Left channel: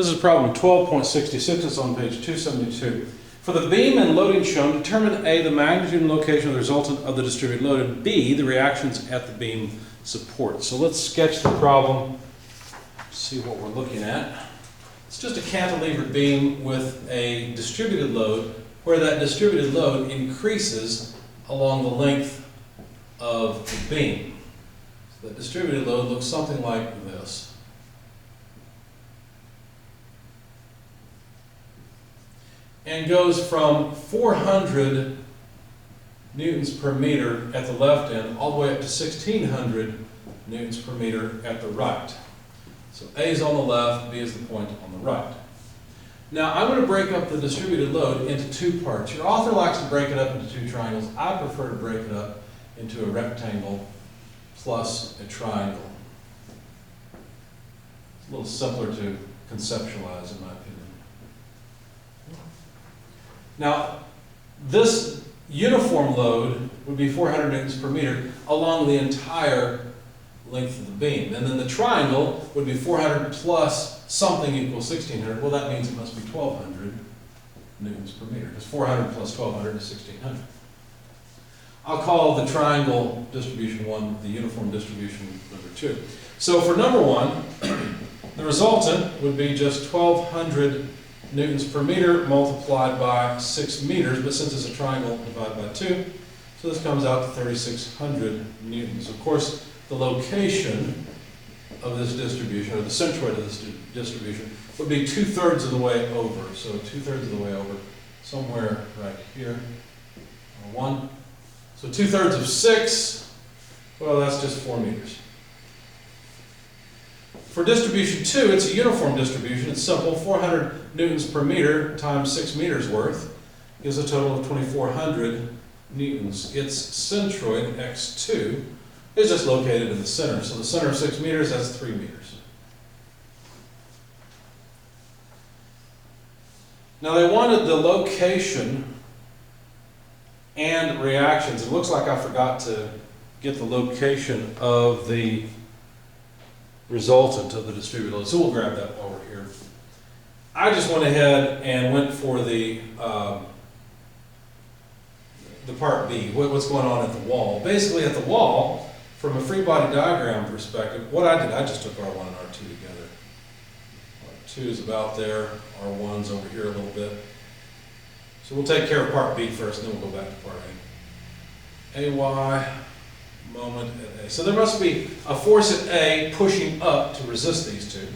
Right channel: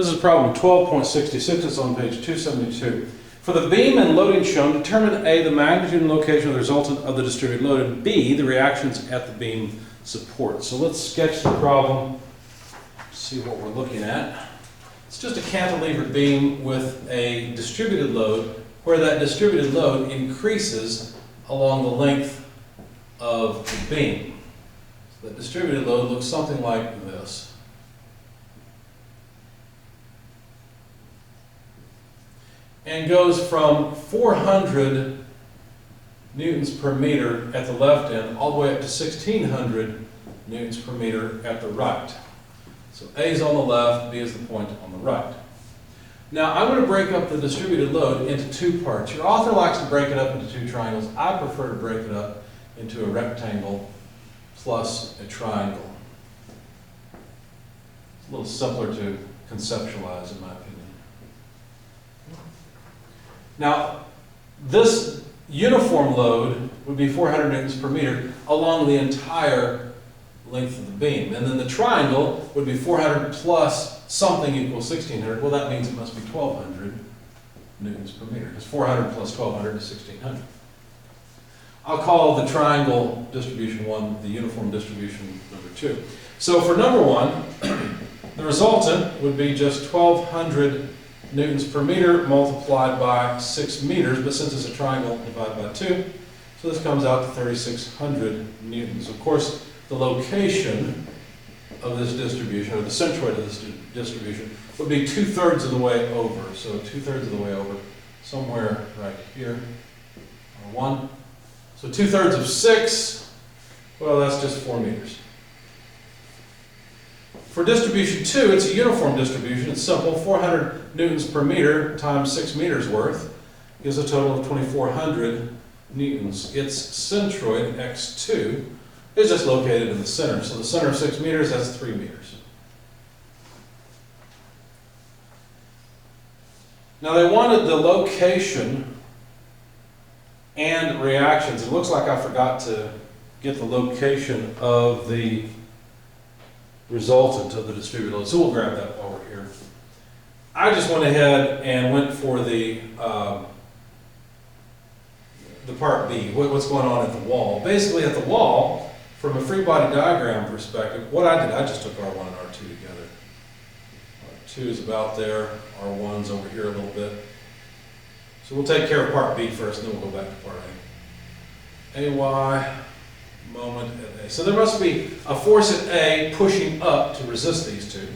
This is problem 12.66. It's on page 272. For the beam and loading shown, determine A, the magnitude and location of the resultant of the distributed load, and B, the reactions at the beam support. So let's sketch the problem, see what we're looking at. It's just a cantilevered beam with a distributed load, where that distributed load increases along the length of the beam. So the distributed load looks something like this. And goes from 400 newtons per meter at the left end all the way up to 1600 newtons per meter at the right. So A is on the left, B is the point on the right. Now I'm going to break up the distributed load into two parts. Your author likes to break it up into two triangles. I prefer to break it up into a rectangle plus a triangle. It's a little simpler to conceptualize, in my opinion. Now, this uniform load would be 400 newtons per meter along the entire length of the beam. And then the triangle would be 400 plus something equals 1600. Well, that means it must be 1200 newtons per meter, because 400 plus 1200 is 1600. I'll call the triangle distribution 1, the uniform distribution number 2. So for number 1, the resultant would be just 1200 newtons per meter multiplied by 6 meters, but since it's a triangle, divide by 2. So this comes out to 3600 newtons. Of course, the location of this distribution, or the centroid of this distribution, would be 2/3 of the way over. So 2/3 of the way over, somewhere right here, or 1. So 2/3 of 6, well, that's just 4 meters. For distribution 2, it's a uniform distribution. It's simple. 400 newtons per meter times 6 meters worth gives a total of 2400 newtons. Its centroid, x2, is just located in the center. So the center of 6 meters, that's 3 meters. Now they wanted the location and reactions. It looks like I forgot to get the location of the resultant of the distributed load. So we'll grab that while we're here. I just went ahead and went for the part B, what's going on at the wall. Basically at the wall, from a free body diagram perspective, what I did, I just took R1 and R2 together. R2 is about there, R1's over here a little bit. So we'll take care of part B first, and then we'll go back to part A. AY, moment at A. So there must be a force at A pushing up to resist these two.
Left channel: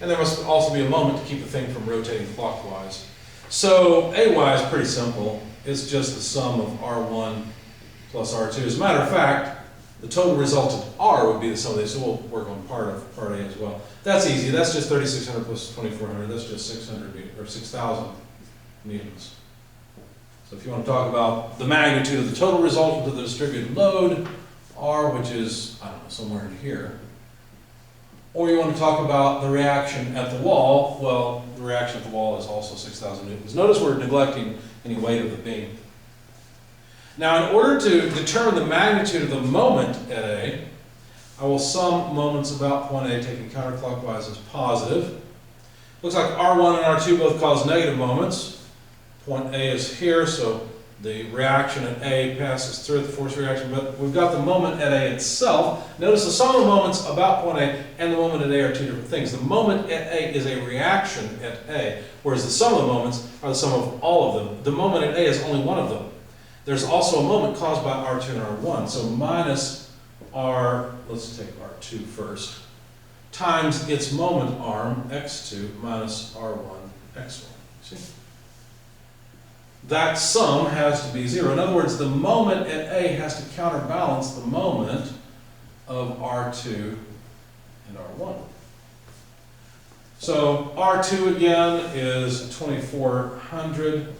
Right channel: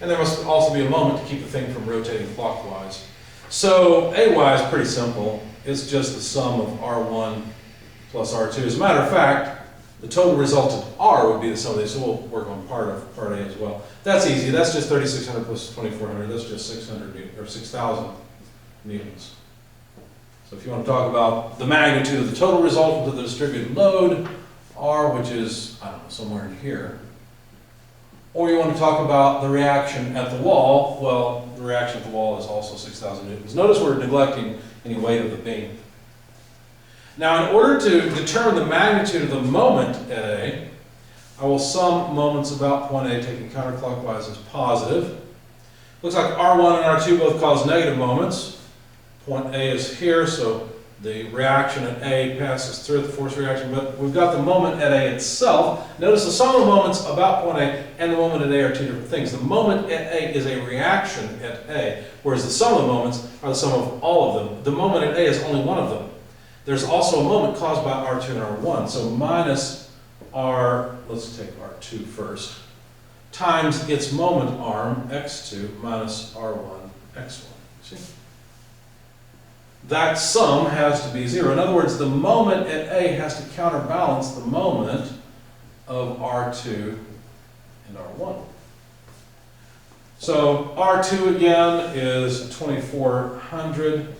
And there must also be a moment to keep the thing from rotating clockwise. So AY is pretty simple. It's just the sum of R1 plus R2. As a matter of fact, the total resultant R would be the sum of these, so we'll work on part A as well. That's easy. That's just 3600 plus 2400. That's just 6,000 newtons. So if you want to talk about the magnitude of the total resultant of the distributed load, R, which is, I don't know, somewhere in here. Or you want to talk about the reaction at the wall, well, the reaction at the wall is also 6,000 newtons. Notice we're neglecting any weight of the beam. Now, in order to determine the magnitude of the moment at A, I will sum moments about point A, taking counterclockwise as positive. Looks like R1 and R2 both cause negative moments. Point A is here, so the reaction at A passes through the force reaction, but we've got the moment at A itself. Notice the sum of moments about point A and the moment at A are two different things. The moment at A is a reaction at A, whereas the sum of moments are the sum of all of them. The moment at A is only one of them. There's also a moment caused by R2 and R1, so minus R, let's take R2 first, times its moment arm, x2, minus R1, x1. See? That sum has to be 0. In other words, the moment at A has to counterbalance the moment of R2 and R1. So R2 again is 2400,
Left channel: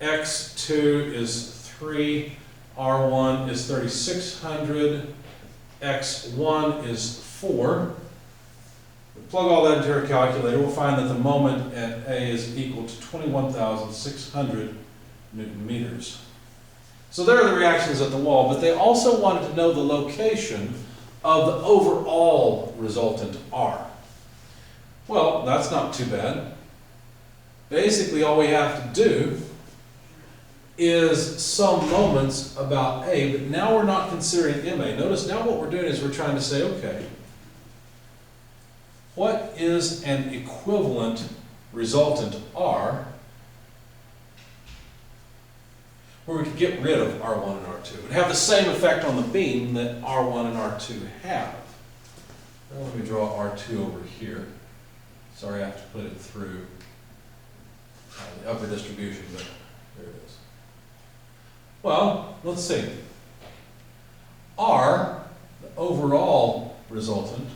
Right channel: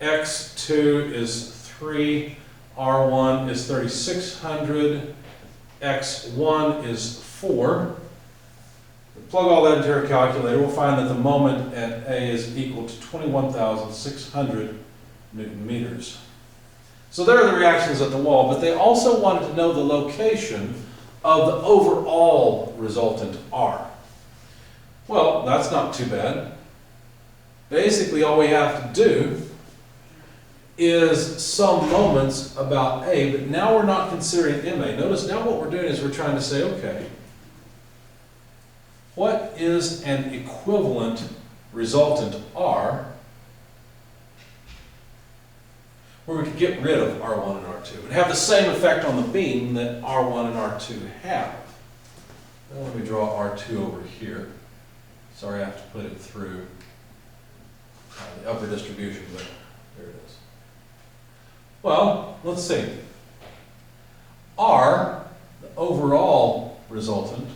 X2 is 3, R1 is 3600, X1 is 4. Plug all that into our calculator, we'll find that the moment at A is equal to 21,600 Newton meters. So there are the reactions at the wall, but they also wanted to know the location of the overall resultant R. Well, that's not too bad. Basically, all we have to do is some moments about A, but now we're not considering MA. Notice now what we're doing is we're trying to say, okay, what is an equivalent resultant R where we could get rid of R1 and R2? It would have the same effect on the beam that R1 and R2 have. Now let me draw R2 over here. Sorry, I have to put it through the upper distribution, but there it is. Well, let's see. R, the overall resultant,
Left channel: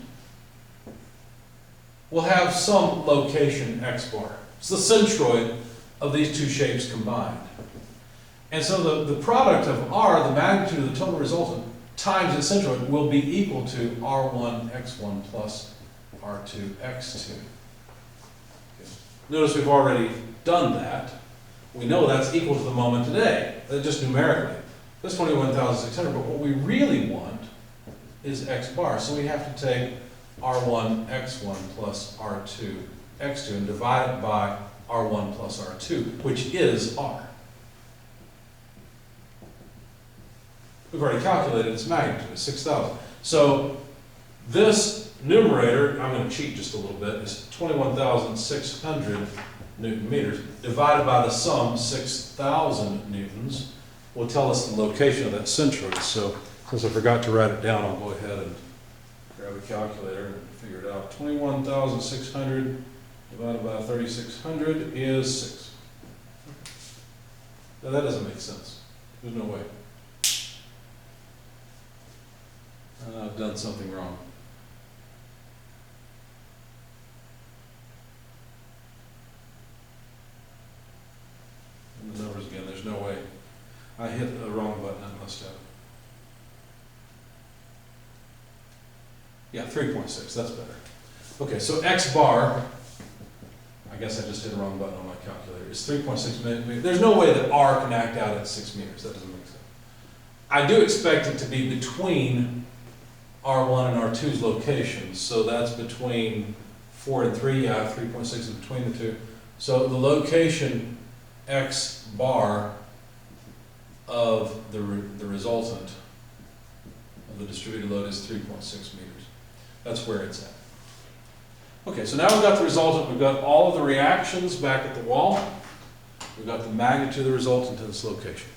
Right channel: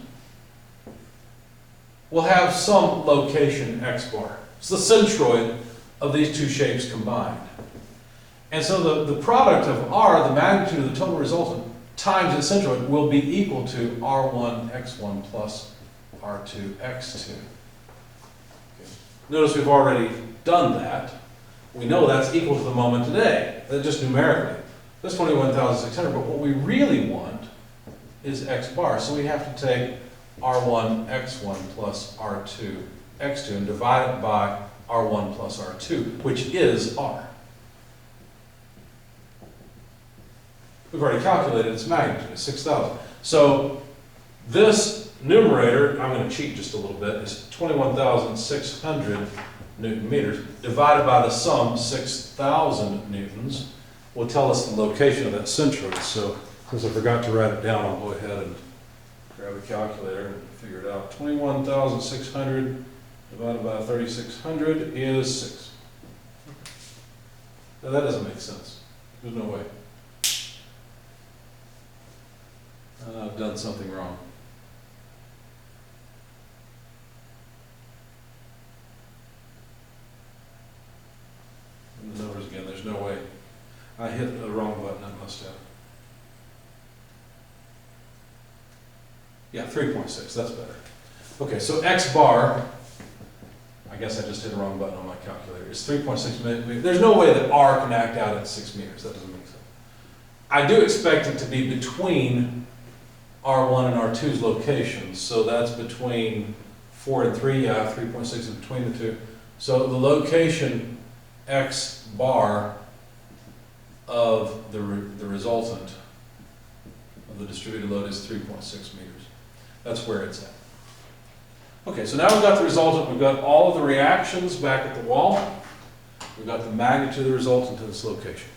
will have some location x bar. It's the centroid of these two shapes combined. And so the product of R, the magnitude of the total resultant, times its centroid will be equal to R1 x1 plus R2 x2. Okay. Notice we've already done that. We know that's equal to the moment today, just numerically. That's 21,600, but what we really want is x bar. So we have to take R1 x1 plus R2 x2 and divide it by R1 plus R2, which is R. We've already calculated its magnitude, it's 6,000. So this numerator, I'm going to cheat just a little bit, is 21,600 Newton meters divided by the sum 6,000 newtons will tell us the location of that centroid. So since I forgot to write it down, I'll go ahead and grab a calculator and figure it out. 21,600 divided by 3,600 is 6. Okay. Now that doesn't make sense. There's no way. I've done something wrong. And the numbers again, there's no way. I hit the wrong button, I must have. Yeah, 3.6, that's better. Okay, so x bar, I guess I just hit the wrong button on my calculator, is 3.6 meters. There's no way that R can act out at 6 meters, that doesn't make sense. I do expect it to be between R1 and R2's locations, so that's between 4 and 3, yeah, 3.6 is between the two. So the location x bar of the resultant of the distributed load is 3.6 meters. That's where it's at. Okay, so now we've got the resultant, we've got all of the reactions back at the wall, we've got the magnitude of the resultant to its location.